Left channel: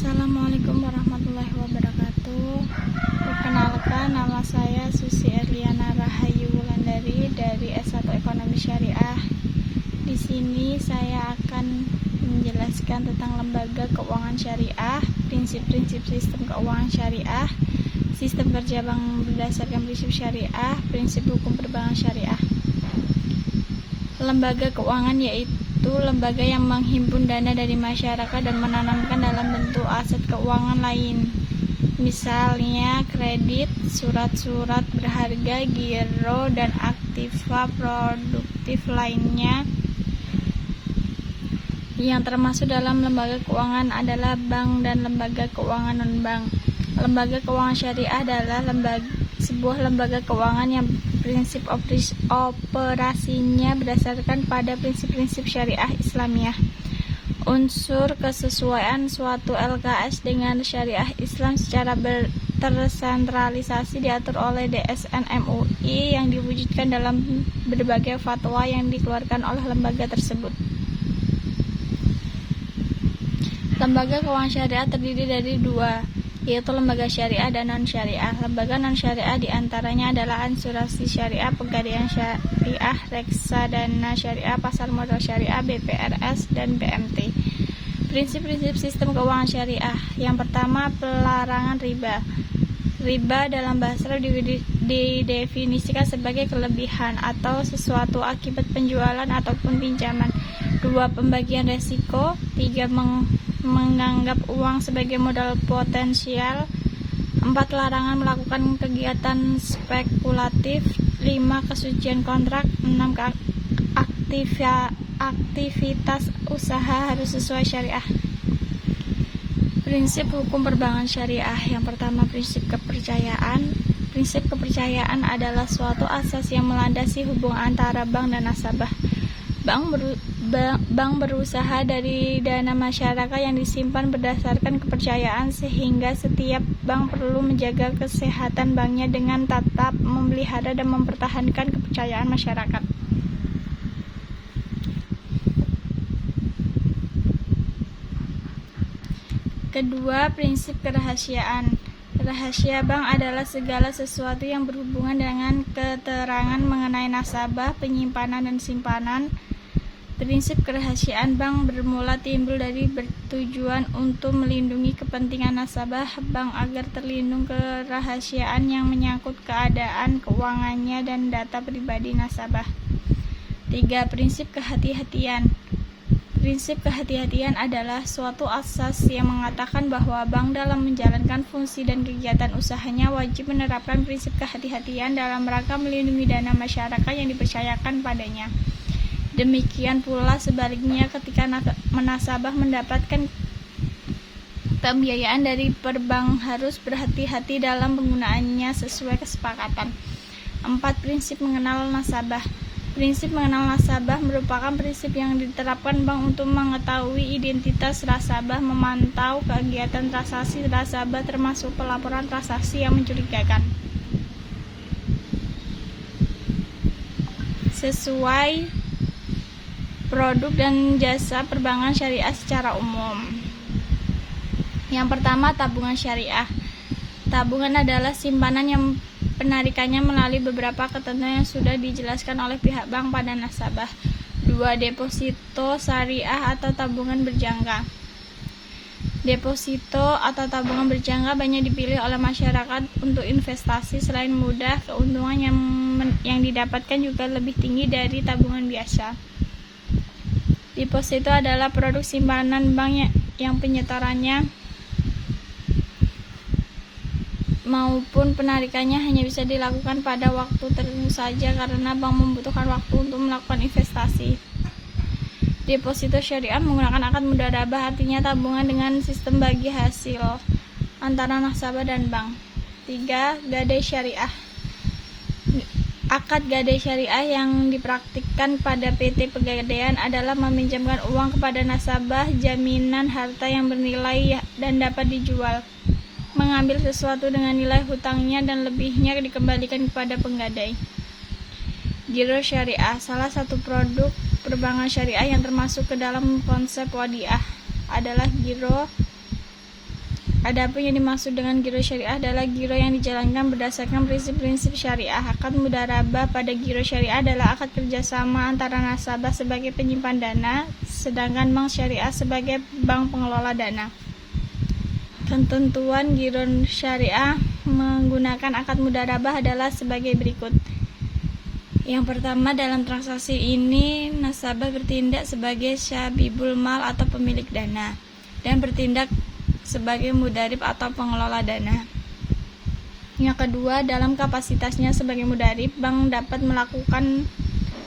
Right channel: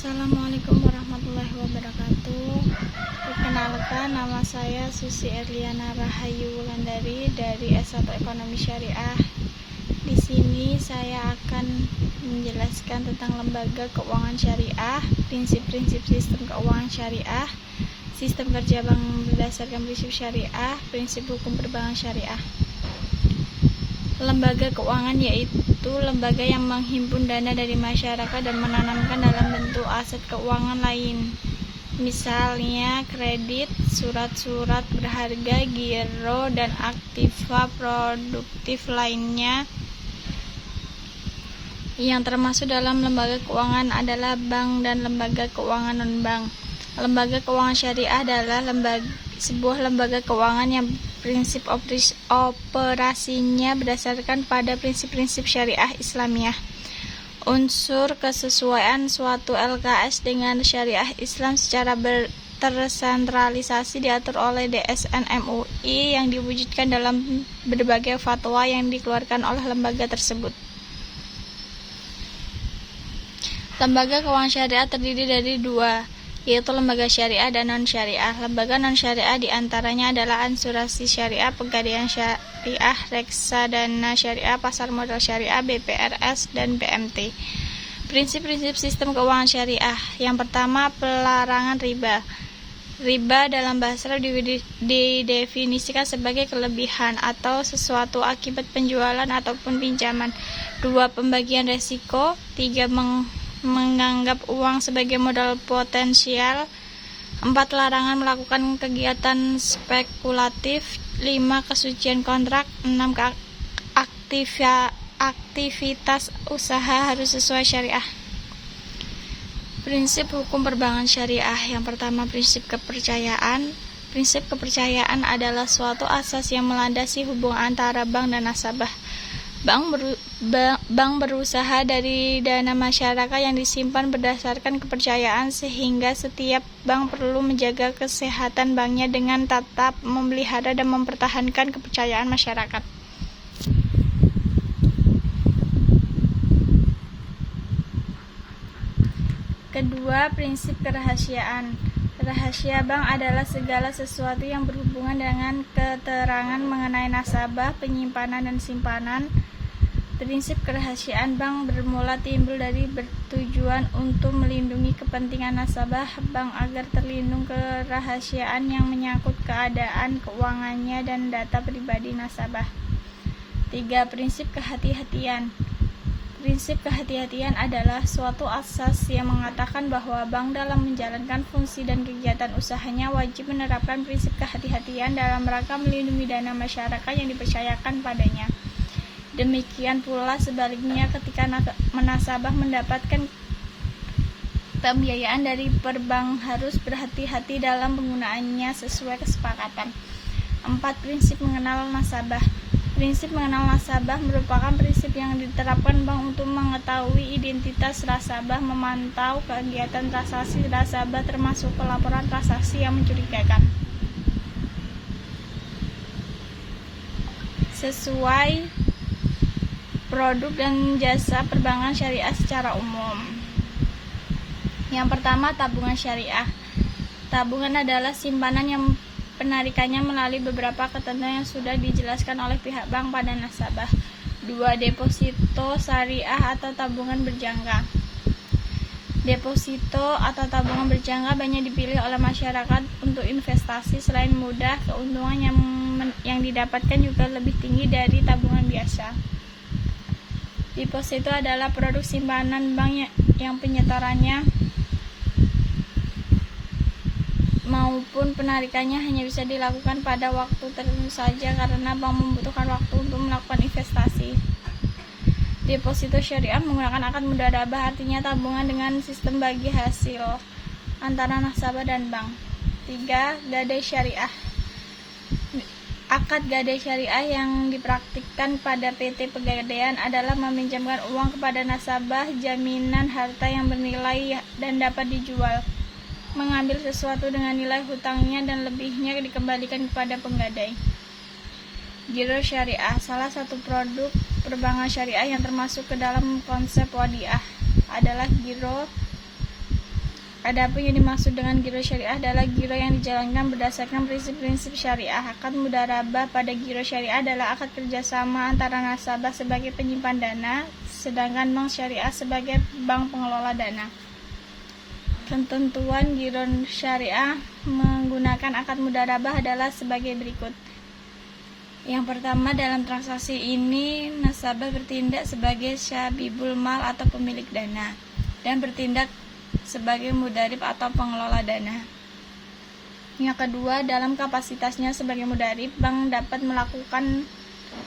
Assalamualaikum warahmatullahi wabarakatuh. Perkenalkan, nama saya Susi Erliana Rahayu Wulandari dari S1 Ekonomi Syariah. Di sini saya akan menjelaskan tentang lembaga keuangan syariah, prinsip-prinsip sistem keuangan syariah, sistem kerja bank berdasarkan prinsip syariah, prinsip hukum perbankan syariah. Lembaga keuangan yaitu lembaga yang menghimpun dana dari masyarakat dan menanamkan dalam bentuk aset keuangan lain, misalnya kredit, surat-surat berharga, giro, dan aktiva produktif lainnya. Yang termasuk dalam lembaga keuangan adalah bank dan lembaga keuangan non-bank. Lembaga keuangan syariah adalah sebuah lembaga keuangan yang prinsip operasinya berdasarkan pada prinsip-prinsip syariah Islamiyah. Unsur kesesuaian suatu LKS dengan syariah Islam secara tersentralisasi diatur oleh DSN MUI yang diwujudkan dalam berbagai fatwa yang dikeluarkan oleh lembaga tersebut. Lembaga keuangan syariah terdiri dari dua, yaitu lembaga syariah dan non-syariah. Lembaga non-syariah diantaranya adalah asuransi syariah, pegadaian syariah, reksadana syariah, pasar modal syariah, BPRS, dan BMT. Prinsip-prinsip sistem keuangan syariah. Yang pertama, pelarangan riba. Riba dalam bahasa Arab didefinisikan sebagai kelebihan atau sesuatu akibat penjualan ataupun pinjaman. 2. Pembagian resiko. 3. Menganggap uang sebagai modal potensial. 4. Larangan melakukan kegiatan spekulatif. 5. Kesucian kontrak. 6. Aktivitas usaha harus sesuai syariah. Prinsip hukum perbankan syariah. Yang pertama, prinsip kepercayaan. Prinsip kepercayaan adalah suatu asas yang melandasi hubungan antara bank dan nasabah. Bank berusaha dari dana masyarakat yang disimpan berdasarkan kepercayaan, sehingga setiap bank perlu menjaga kesehatan banknya dengan tetap memelihara dan mempertahankan kepercayaan masyarakat. Kedua, prinsip kerahasiaan. Rahasia bank adalah segala sesuatu yang berhubungan dengan keterangan mengenai nasabah, penyimpanan, dan simpanan. Prinsip kerahasiaan bank bermula timbul dari bertujuan untuk melindungi kepentingan nasabah bank agar terlindung kerahasiaan yang menyangkut keadaan keuangannya dan data pribadi nasabah. 3. Prinsip kehati-hatian. Prinsip kehati-hatian adalah suatu asas yang mengatakan bahwa bank dalam menjalankan fungsi dan kegiatan usahanya wajib menerapkan prinsip kehati-hatian dalam rangka melindungi dana masyarakat yang dipercayakan padanya. Demikian pula sebaliknya, ketika nasabah mendapatkan pembiayaan dari perbank harus berhati-hati dalam penggunaannya sesuai kesepakatan. 4. Prinsip mengenal nasabah. Prinsip mengenal nasabah merupakan prinsip yang diterapkan bank untuk mengetahui identitas nasabah, memantau kegiatan transaksi nasabah termasuk pelaporan transaksi yang mencurigakan. Sesuai produk dan jasa perbankan syariah secara umum. Yang pertama, tabungan syariah. Tabungan adalah simpanan yang penarikannya melalui beberapa ketentuan yang sudah dijelaskan oleh pihak bank pada nasabah. 2. Deposito syariah atau tabungan berjangka. Deposito atau tabungan berjangka banyak dipilih oleh masyarakat untuk investasi. Selain mudah, keuntungan yang didapatkan juga lebih tinggi dari tabungan biasa. Deposito adalah produk simpanan bank yang penyetorannya maupun penarikannya hanya bisa dilakukan pada waktu tertentu saja karena bank membutuhkan waktu untuk melakukan investasi. Deposito syariah menggunakan akad mudharabah, artinya tabungan dengan sistem bagi hasil antara nasabah dan bank. 3. Gadai syariah. Akad gadai syariah yang dipraktikkan pada PT Pegadaian adalah meminjamkan uang kepada nasabah, jaminan harta yang bernilai dan dapat dijual, mengambil sesuatu dengan nilai hutangnya dan lebihnya dikembalikan kepada penggadai. Giro syariah, salah satu produk perbankan syariah yang termasuk ke dalam konsep wadiah adalah giro Adapun yang dimaksud dengan giro syariah adalah giro yang dijalankan berdasarkan prinsip-prinsip syariah. Akad mudharabah pada giro syariah adalah akad kerjasama antara nasabah sebagai penyimpan dana, sedangkan bank syariah sebagai bank pengelola dana. Ketentuan giro syariah menggunakan akad mudharabah adalah sebagai berikut. Yang pertama, dalam transaksi ini nasabah bertindak sebagai syabibul mal atau pemilik dana dan bertindak sebagai mudharib atau pengelola dana. Yang kedua, dalam kapasitasnya sebagai mudharib, bank dapat melakukan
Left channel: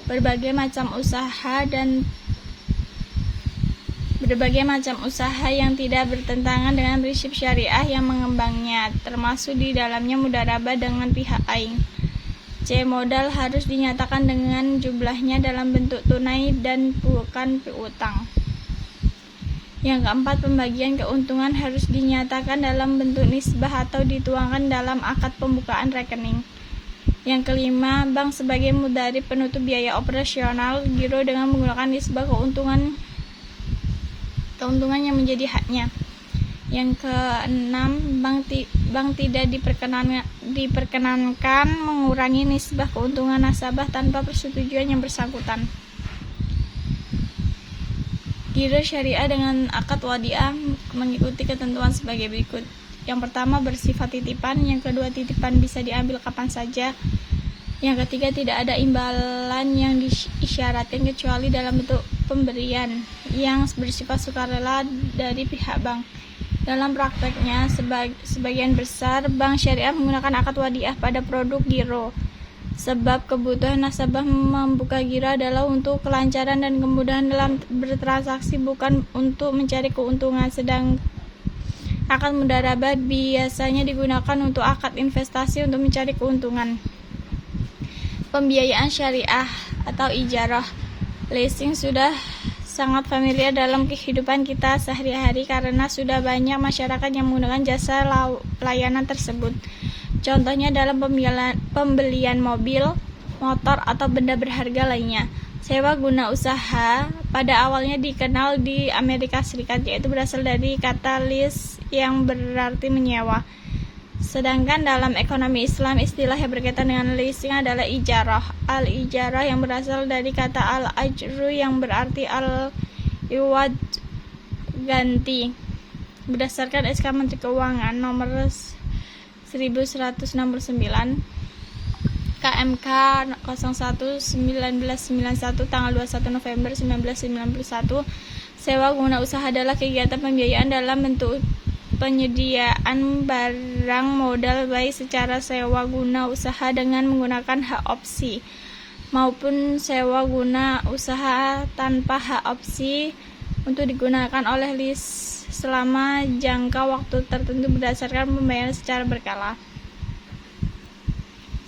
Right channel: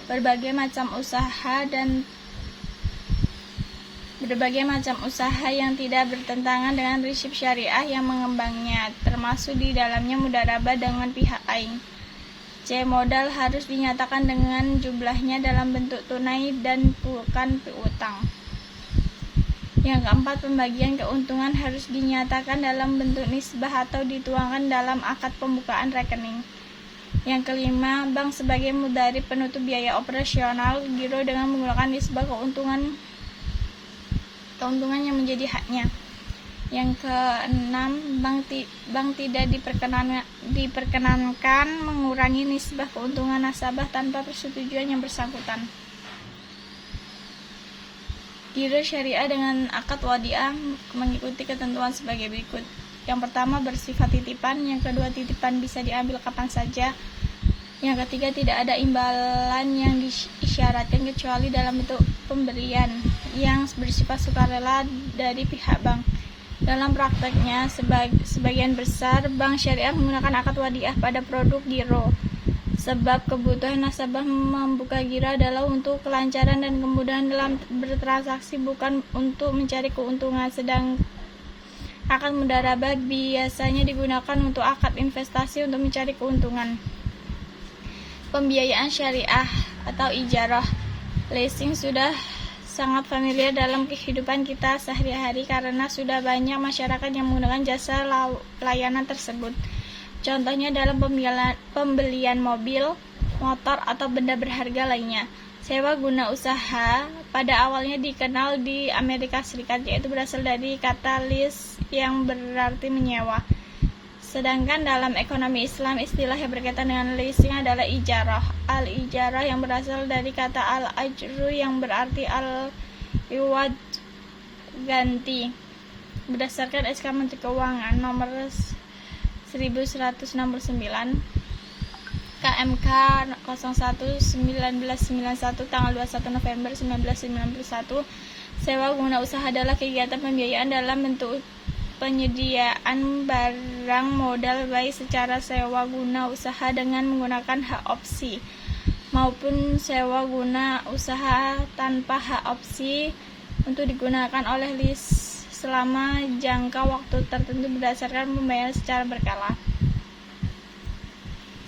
berbagai macam usaha yang tidak bertentangan dengan prinsip syariah yang mengembangnya, termasuk di dalamnya mudharabah dengan pihak lain. C. Modal harus dinyatakan dengan jumlahnya dalam bentuk tunai dan bukan piutang. Yang keempat, pembagian keuntungan harus dinyatakan dalam bentuk nisbah atau dituangkan dalam akad pembukaan rekening. Yang kelima, bank sebagai mudharib penutup biaya operasional giro dengan menggunakan nisbah keuntungan yang menjadi haknya. Yang keenam, bank tidak diperkenankan mengurangi nisbah keuntungan nasabah tanpa persetujuan yang bersangkutan. Giro syariah dengan akad wadiah mengikuti ketentuan sebagai berikut. Yang pertama, bersifat titipan. Yang kedua, titipan bisa diambil kapan saja. Yang ketiga, tidak ada imbalan yang disyaratkan kecuali dalam bentuk pemberian yang bersifat sukarela dari pihak bank. Dalam prakteknya, sebagian besar bank syariah menggunakan akad wadiah pada produk giro. Sebab kebutuhan nasabah membuka giro adalah untuk kelancaran dan kemudahan dalam bertransaksi, bukan untuk mencari keuntungan. Sedang akad mudharabah biasanya digunakan untuk akad investasi untuk mencari keuntungan. Pembiayaan syariah atau ijarah leasing sudah sangat familiar dalam kehidupan kita sehari-hari karena sudah banyak masyarakat yang menggunakan jasa layanan tersebut. Contohnya dalam pembelian mobil, motor, atau benda berharga lainnya. Sewa guna usaha pada awalnya dikenal di Amerika Serikat, yaitu berasal dari kata lease yang berarti menyewa. Sedangkan dalam ekonomi Islam, istilah yang berkaitan dengan leasing adalah ijarah. Al-ijarah yang berasal dari kata al-ajru yang berarti al-iwad, ganti. Berdasarkan SK Menteri Keuangan nomor 1169 KMK 01/1991 tanggal 21 November 1991, sewa guna usaha adalah kegiatan pembiayaan dalam bentuk penyediaan barang modal baik secara sewa guna usaha dengan menggunakan hak opsi maupun sewa guna usaha tanpa hak opsi untuk digunakan oleh lease selama jangka waktu tertentu berdasarkan pembayaran secara berkala.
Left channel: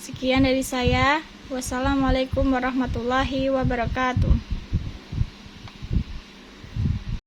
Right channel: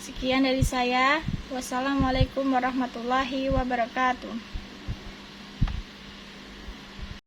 Sekian dari saya. Wassalamualaikum warahmatullahi wabarakatuh.